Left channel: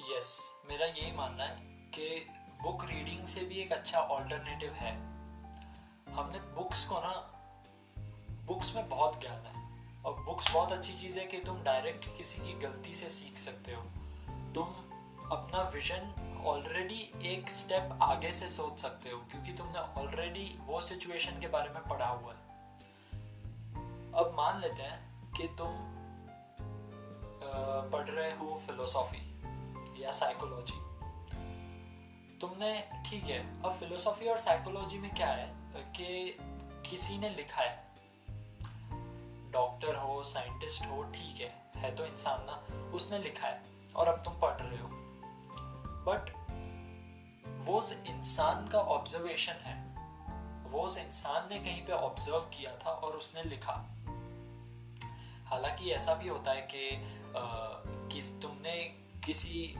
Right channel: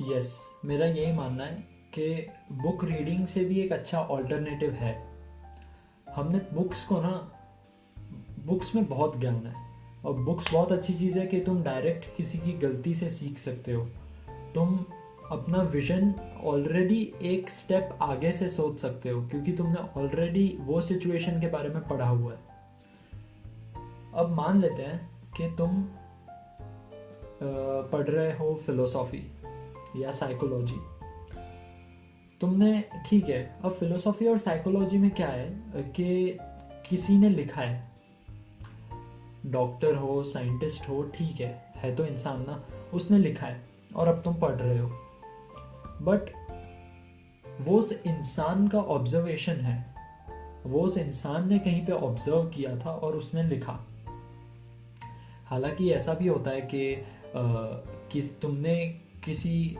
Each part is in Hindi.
यस, मेरा यही मानना है कि बुक रीडिंग से भी एक अच्छा ऑल्टरनेटिव है। हमने बुक्स को ना, बुक्स में बहुत ज्ञान है और बुक्स बहुत अच्छी चीज़ है कि तुम डायरेक्ट किसी की गलती से सीख सकते हो। तुम अपना विजन ऑलरेडी एक स्टेप आगे से सोच सकते हो क्योंकि तुमने ऑलरेडी वो सिचुएशन के बारे में पढ़ा हुआ है। अब मान लेते हैं कि तुम पढ़ रहे हो फिलोसॉफी या साइकोलॉजी। तुमने, ठीक है, अब फिलोसॉफी और साइकोलॉजी में क्या है कि किसी ने लिखा है, डॉक्टर हो साइंटिस्ट हो, ठीक है तो इंसान ना, उसने लिखा है और अब तुम पढ़ रहे हो। बट वो उस इंसान का ऑब्जर्वेशन है, वो उस इंसान ने कहीं पे ऑब्जर्व किया था और उसने लिखा। हालांकि ऐसा भी होता है कि तुमने किसी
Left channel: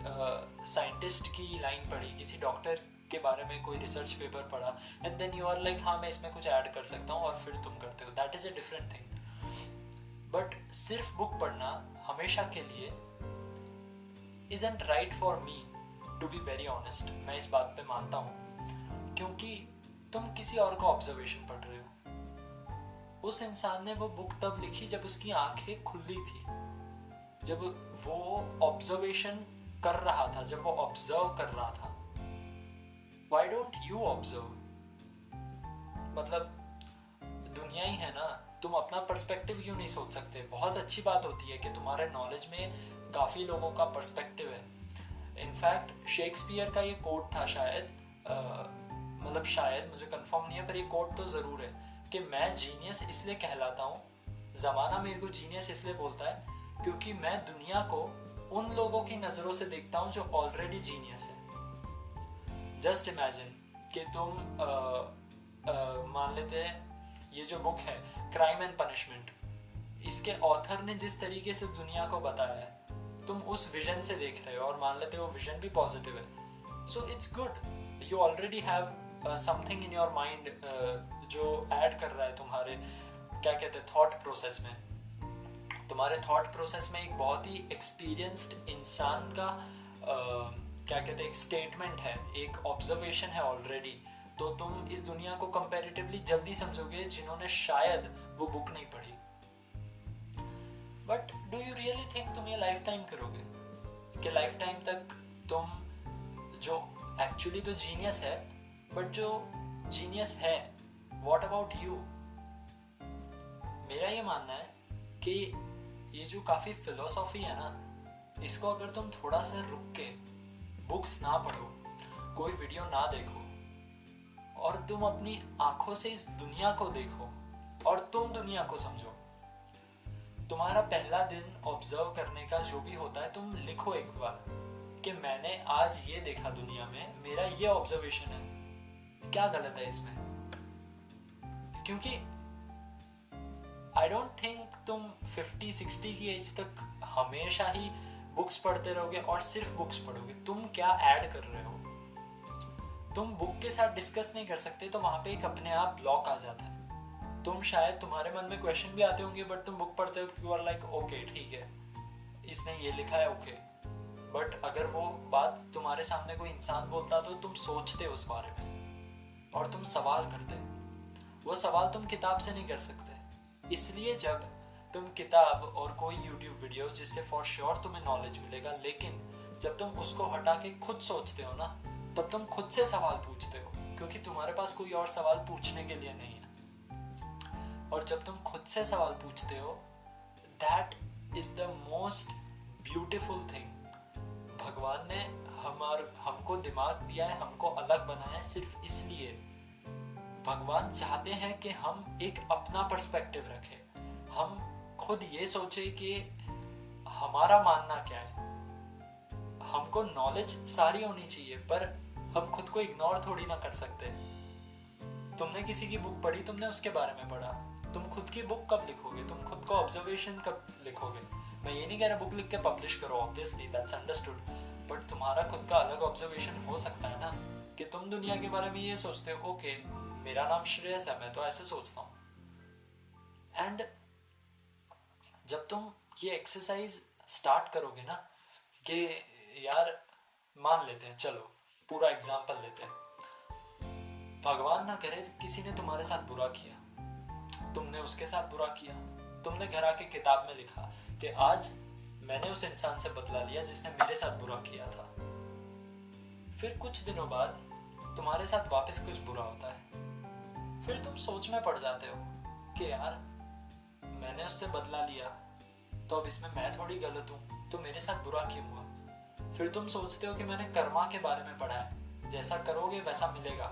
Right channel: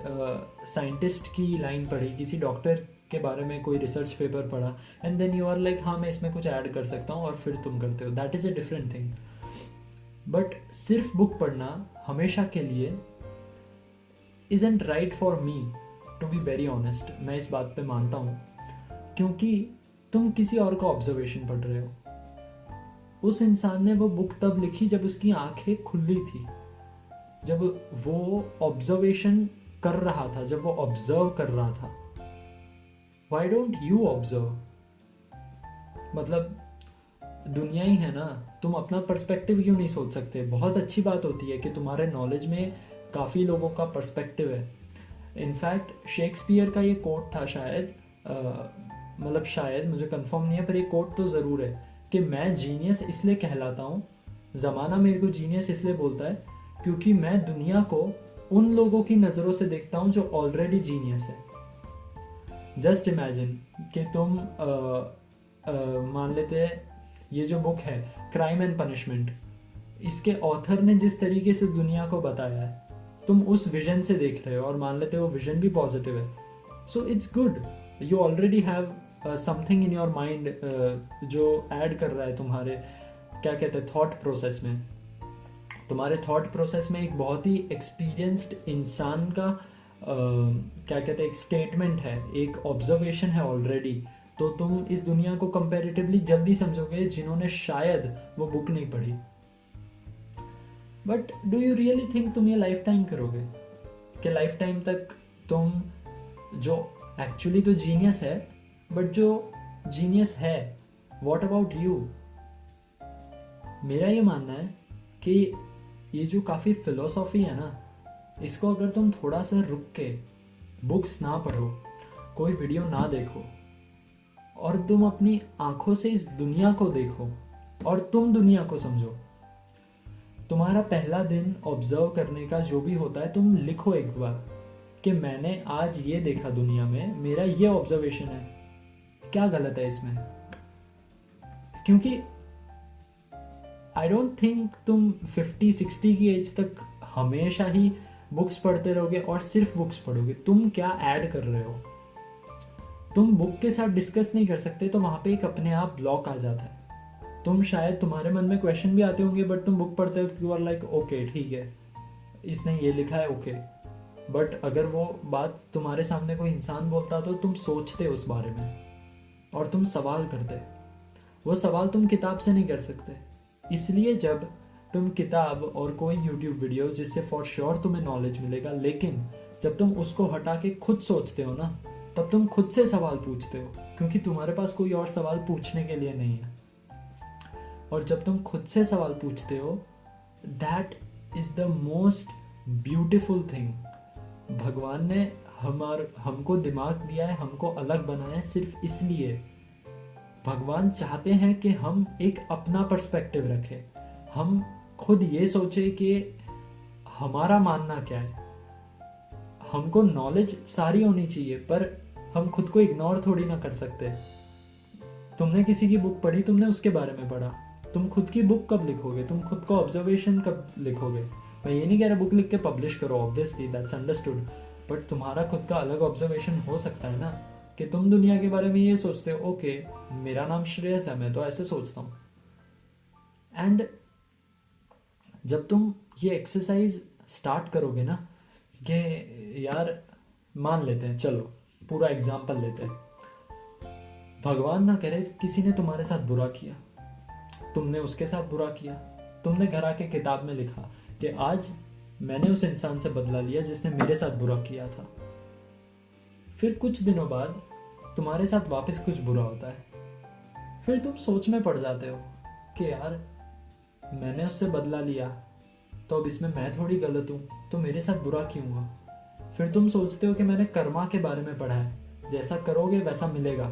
साइंटिस्ट की लाइन पढ़ी, किसी डॉक्टर के बारे में कोई रिसर्च पेपर पढ़ा and then you are like हाँ मैं इसमें कुछ ऐड कर सकता हूँ और फिर तुम करते हो, that is a different thing. But सिर्फ बुक पढ़ना हमेशा के लिए isn't right for me, to be very honest. मैं इस बात पे मानता हूँ क्योंकि तुम किसी और का ऑब्जर्वेशन पढ़ रहे हो। उस इंसान ने वो बुक तब लिखी जब उसकी आंखें खुली थी, जब वो ऑब्जर्वेशन कर रहा था, जब वो ऑब्जर्व कर रहा था। Why don't you observe? मतलब दुनिया ही है ना, तुम अपना पर्सपेक्टिव क्यों नहीं सोच सकते? बहुत अच्छी बात होती है कि तुम्हारे नॉलेज में काफ़ी लोगों का पर्सपेक्टिव है। इनफैक्ट शेक्सपियर का ये कोट था शायद, मतलब शायद, मुझे कंफर्म नहीं है, पर ये कोट तो ज़रूर है कि मैं जीनियस इसलिए कहलाता हूँ, ज़माना मेरे को जीनियस इसलिए बोलता है क्योंकि मैं दुनिया को उन लोगों की नज़रों से देखता हूँ जो ऑलरेडी जीनियस है। जस्ट इमेजिन कि तुम मान लेते हैं ये जो बुक है क्राइम एंड पनिशमेंट, इसके ऑथर ने जिस तरीके से दुनिया को बताया है, तुम उस विजन से देख रहे हो और मान लेते हो विजन भी पॉजिटिव है, so it's good. You already have something in your mind जो ऐड कर रहा है तुम्हारे, क्या कहते हैं, थॉट प्रोसेस में। तुम्हारे थॉट प्रोसेस में एक बहुत ही एक्सपीरियंस्ड इंसान का क्या कहते हैं, एक स्टेटमेंट है, एक ऑब्जर्वेशन है ऑलरेडी। तो तुम इस दुनिया को कंपैरेटिवली जल्दी समझोगे जिन्होंने शायद वो बुक नहीं पढ़ी। But do you really think तुम ये लाइफ टाइम करोगे? कि लाइफ टाइम तक तुम, जो एक्चुअली तो जीनियस है, बट जो जीनियस है, व्हाट अबाउट यू? मेरा ये मानना है कि ये जो काफ़ी फिलोसॉफी है ना, इसको अगर तुम थोड़ा सा रुक के बुक्स ना पढ़ो, कोई वीडियो ना देखो और तुम अपनी आंखों से इस दुनिया को देखो और तुम दुनिया को समझो। तुम्हारा पहला दिन ऑब्जर्व करने का जो भी होता है, तुम लिखो एक बार कि मैंने आज ये देखा दुनिया में, मेरा ये ऑब्जर्वेशन है, क्या गलत है इसमें? क्योंकि आई डोंट थिंक तुम 50-60 की एज तक हमेशा ही बुक्स पढ़ते रहोगे और सिर्फ बुक्स पढ़ोगे। तुम क्या ऐड कर रहे हो? तुम बुक के साथ डिस्कस नहीं कर सकते तो वहां पे एक अपने आप ब्लॉक आ जाता है। तुम शायद, तुम्हारे मन में क्वेश्चन भी आते होंगे बट तुम बुक पढ़ते वक्त यू आर लाइक ओके ठीक है, इसने ये लिखा है, ओके। बट अगर वो बात तुम्हारे सामने कोई इंसान बोलता तो तुम सोचते उस बारे में और तुम सवाल करते। वो सवाल तुम किताब से नहीं कर सकते। इसलिए जब तुम किताब और कोई यूट्यूब वीडियो, जिससे फॉर श्योर तुम्हें नॉलेज मिलेगा, लेकिन जब तुम उसको हटा के खुद सोचते हो ना, तब तुम खुद से सवाल पूछते हो क्योंकि तुम्हारे पास कोई और सवाल पूछने के लिए नहीं है। और जब तुम खुद से सवाल पूछते हो, that is the most beautiful thing. भगवान ने हमको दिमाग दिया है, हमको अलग बनाया है सिर्फ इसलिए। भगवान चाहते हैं कि हम एक अपना पर्सपेक्टिव रखें, हम खुद ये सोचे कि हमारा मानना क्या है। हमको नॉलेज सारी होनी चाहिए पर हम खुद को इग्नोर थोड़ी ना कर सकते। तुमने किसी की बुक पढ़ी, तुमने उसके बारे में पढ़ा, तुम खुद की बुक कब लिखोगे? तुम खुद को ऑब्जर्वेशन कब लिखोगे? मैं ये नहीं कह रहा बुक लिख के पब्लिश करो, ऑब्वियसली दैट्स अंडरस्टूड, बट तुम्हारा खुद का अलग ऑब्जर्वेशन हो सकता है ना, कि तुम दुनिया के बारे में ये सोचते हो, ओके मेरा नाम श्रेयस है, मैं तो ऐसे सोचता हूँ। एंड जब तुम ये एक्सरसाइज स्टार्ट करोगे ना कि यार मान लेते हैं, चलो पूरा एग्जाम्पल लेते हैं। भगवान ना करे किसी ने तुम्हारे साथ बुरा किया, तुमने उसके साथ बुरा किया, तुमने घर आके किताब में लिखा कि आज मैंने उस इंसान से बदला लिया जिसने मेरे साथ बुरा किया था। फिर कुछ दिनों बाद तुम्हारे साथ वापस कुछ बुरा होता है। फिर तुम सोच में पड़ जाते हो कि यार मैंने उससे बदला लिया, तो अब इसमें मैं थोड़ी गलत हूँ, तो मेरे साथ बुरा क्यों हुआ। फिर तुम सोचते हो कि मैंने कर्मा के बारे में पढ़ा है, जैसा करोगे वैसा मिलेगा।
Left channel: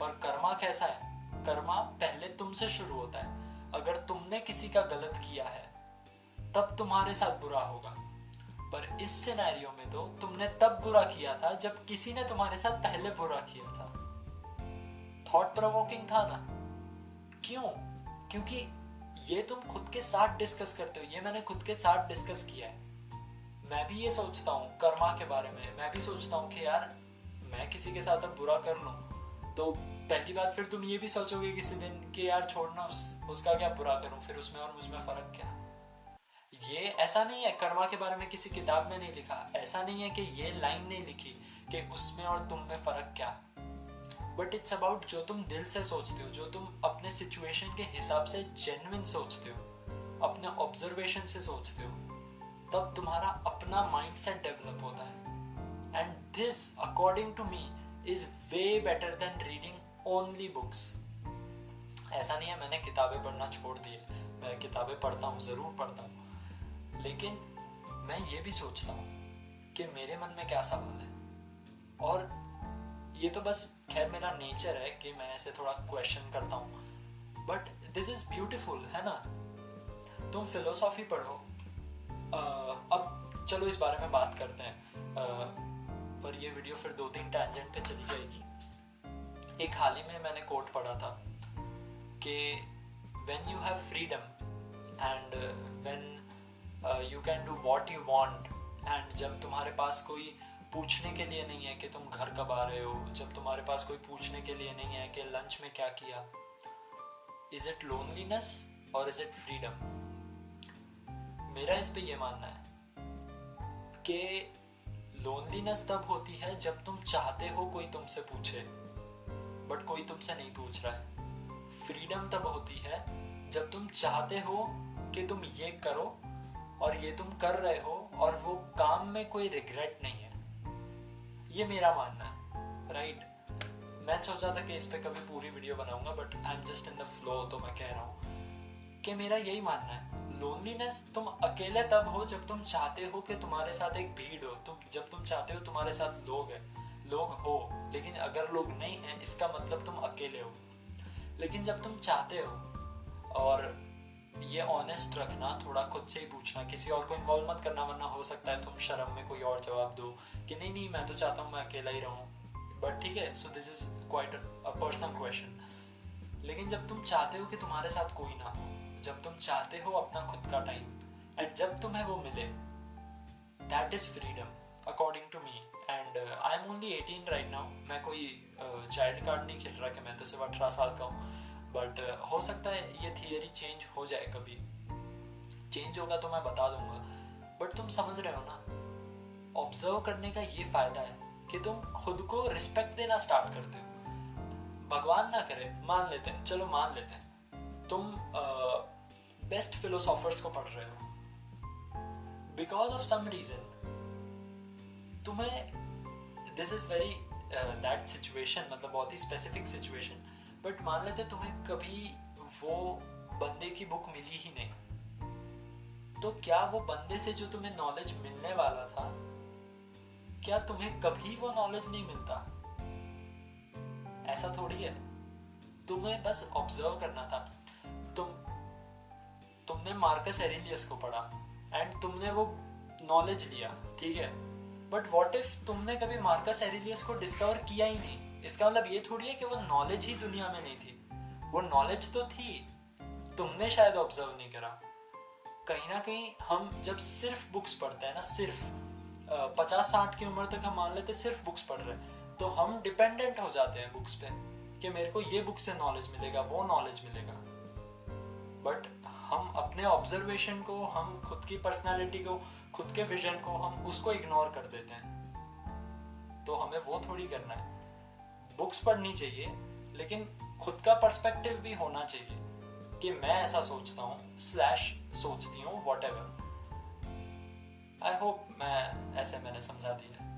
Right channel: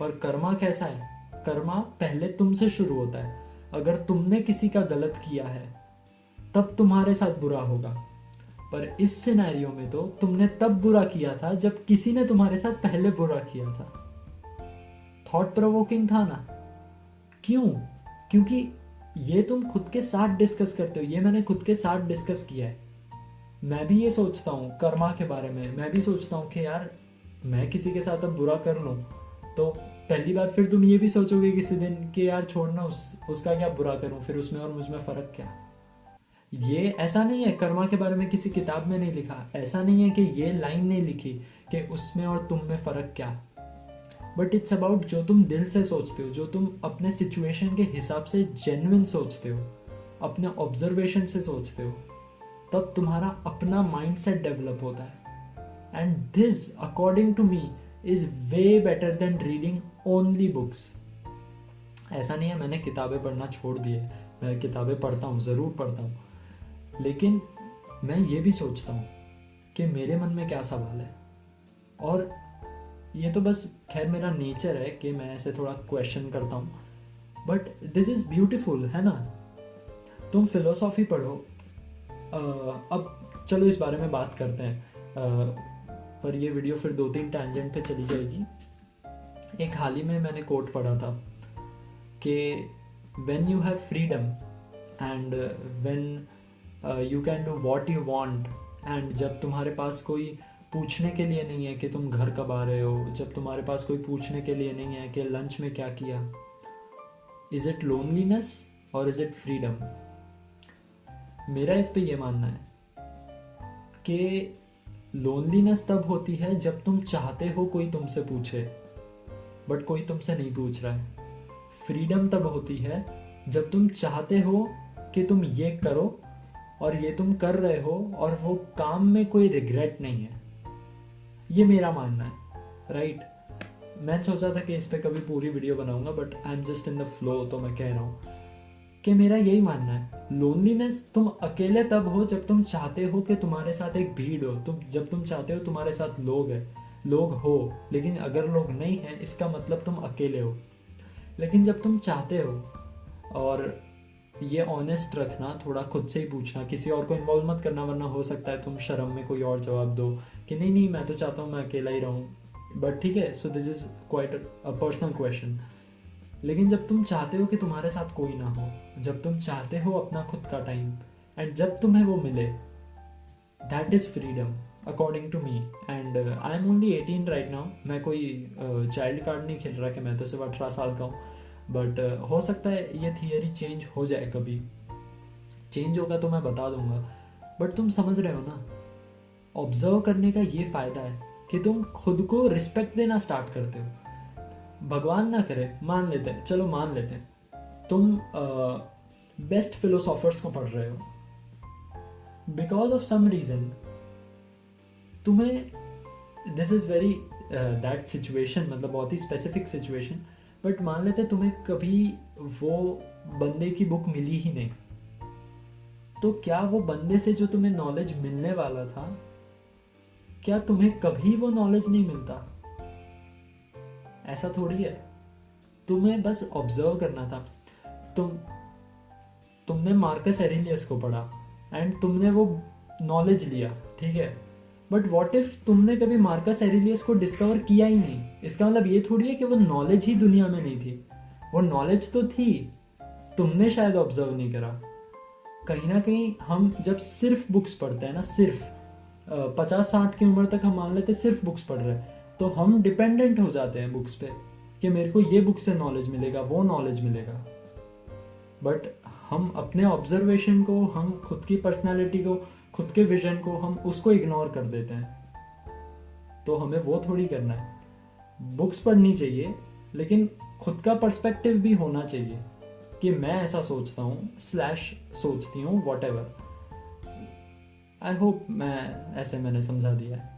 पर कर्मा कैसा है? कर्मा पहले तुमसे शुरू होता है। अगर तुमने किसी का गलत किया है तब तुम्हारे साथ बुरा होगा। पर इस सिनेरियो में तो तुमने तब बुरा किया था जब किसी ने तुम्हारे साथ पहले बुरा किया था। थॉट प्रोवोकिंग था ना? क्यों? क्योंकि ये तुम खुद के साथ डिस्कस करते हो, ये मैंने खुद के साथ डिस्कस किया है। मैं भी ये सोचता हूँ कर्मा के बारे में, मैं भी सोचता हूँ कि यार मैं किसी के साथ अब बुरा कर लूँ तो पहली बात फिर तुम ये भी सोचोगे किसी दिन कि यार छोड़ना, उसका क्या बुरा करूँ, फिर उसमें और मुझमें फर्क क्या। ये ऐसा नहीं है, कर्मा के बारे में किसी किताब में नहीं लिखा, ऐसा नहीं है कि ये लाइन नहीं लिखी कि उसमें और तुम में फर्क क्या। बट इट्स अबाउट जो तुम दिल से सोचते हो, जो तुम अपने सिचुएशन के हिसाब से जेन्युइन सोचते हो, अपने ऑब्जर्वेशन से सोचते हो, तब तुम्हारा अपना माइंडसेट डेवलप होता है। And this according to me is way better than reading only books. ऐसा नहीं है मैंने किताबें पढ़ना छोड़ दिए, मैं किताबें पढ़ता हूँ, ज़रूर पढ़ता हूँ, लेकिन मैं ये भी सोचता हूँ कि मेरे मन में क्या सवाल है। और ये तो बस खैर मेरा नेचर है कि मैं ऐसे थोड़ा क्वेश्चन करता हूँ, बट दिस इज ब्यूटिफुल, है ना। तुम फिलोसॉफी पढ़ो। अब चलो इस बारे में बात करते हैं, पर ये वीडियो फिर 2-3 टैंजेंट पे चली जाएगी। एक हाल ही में मैंने कोट पढ़ा था कि when you have freedom and when you can do what you want, and जब तुम्हारे पास कोई पूछने के लिए नहीं है कि तुम घर कब आ रहे हो, जब तुम्हारे पास कोई पूछने के लिए नहीं है कि लंच में क्या किया, इज इट लोनलीनेस और इज इट फ्रीडम? मेरा इस पे ये मानना है कि लोनलीनेस तब होती है जब तुम चाहते हो कोई तुमसे पूछे बट कोई तुमसे नहीं पूछ रहा है। फ्रीडम तब होती है जब तुम चाहते हो कि तुम ये करो और ये तुम कर रहे हो और वो काम में कोई रिग्रेट नहीं है। ये मेरा मानना है, राइट। मैं सोचा था कि इस पे कभी पूरी वीडियो बनाऊंगा, but I am just in the flow, तो मैं कह रहा हूँ कि मेरा यही मानना है। लोनलीनेस तुम अकेले तब हो जब तुम चाहते हो कि तुम्हारे साथ एक भीड़ हो, जब तुम चाहते हो तुम्हारे साथ लोग हो, लेकिन अगर लोग नहीं हैं इसका मतलब तुम अकेले हो। लेकिन जब तुम चाहते हो, और ये ऑनेस्ट रखना, थोड़ा खुद से ही पूछना, किसी और को इन्वॉल्व मत करना, वरना हो सकता है तुम शर्म में कोई और जवाब दो कि नहीं मैं तो चाहता हूँ मैं अकेला ही रहूँ, बट ठीक है, so this is quite a personal question. लेकिन जब तुम चाहते हो कि तुम्हारे साथ कोई ना हो, जब तुम चाहते हो अपना खुद का टाइम, एंड जब तुम्हें वो मिले, that is freedom according to me. And I am only 18 right now. मैं कोई चाइल्ड कार्ड नहीं खेल रहा कि मैं तो सिर्फ 18 साल का हूँ, बट हो सकता है ये थियरी चेंज हो जाए, कभी चेंज होगा तो मैं बता दूंगा। बट तुम समझ रहे हो ना, ऑब्जर्व करने का ये फायदा है कि तुम खुद को रिस्पेक्ट देना स्टार्ट करते हो। भगवान ना करे, मान लेते हैं, चलो मान लेते हैं तुम बेस्ट फिलोसॉफर्स को पढ़ रहे हो, बिकॉज ऑफ सम रीजन तुम्हें, this is very that situation, मतलब बहुत ही स्पेसिफिक सिचुएशन, बट मान लेते तुम्हें कभी वो बंदे की बुक मिली ही नहीं, तो क्या वो बंदे से जो तुम्हें नॉलेज मिलने वाला था, क्या तुम्हें कभी वो नॉलेज नहीं मिलता? ऐसा थोड़ी है। तुम्हें बस ऑब्जर्व करना था। तुमने मार्कस एरेलियस को पढ़ा एंड तुमने वो नॉलेज लिया, ठीक है, बट व्हाट इफ तुमने कभी मार्कस एरेलियस को डिस्कवर किया ही नहीं? इसका मतलब ये थोड़ी है कि वो नॉलेज ही दुनिया में नहीं थी। वो नॉलेज तो थी, तुमने शायद ऑब्जर्व नहीं करा। कहीं ना कहीं हम जब सिर्फ बुक्स पढ़ते हैं ना, सिर्फ 50-60 की उम्र तक हम मान लेते सिर्फ बुक्स पढ़ रहे हैं, तो हम डिपेंडेंट हो जाते हैं बुक्स पे कि मेरे को ये बुक से नॉलेज मिलेगा, वो नॉलेज मिलेगा। बट हम अपने ऑब्जर्वेशन को, हम खुद की पर्सनालिटी को, खुद के विजन को, हम उसको इग्नोर कर देते हैं। तो हमें वो थोड़ी करना है। बुक्स पढ़नी चाहिए, लेकिन खुद का पर्सपेक्टिव भी होना चाहिए कि मैं ऐसा सोचता हूँ स्लैश सोचती हूँ, वॉट एवर। आई होप मैंने समझा दिया है।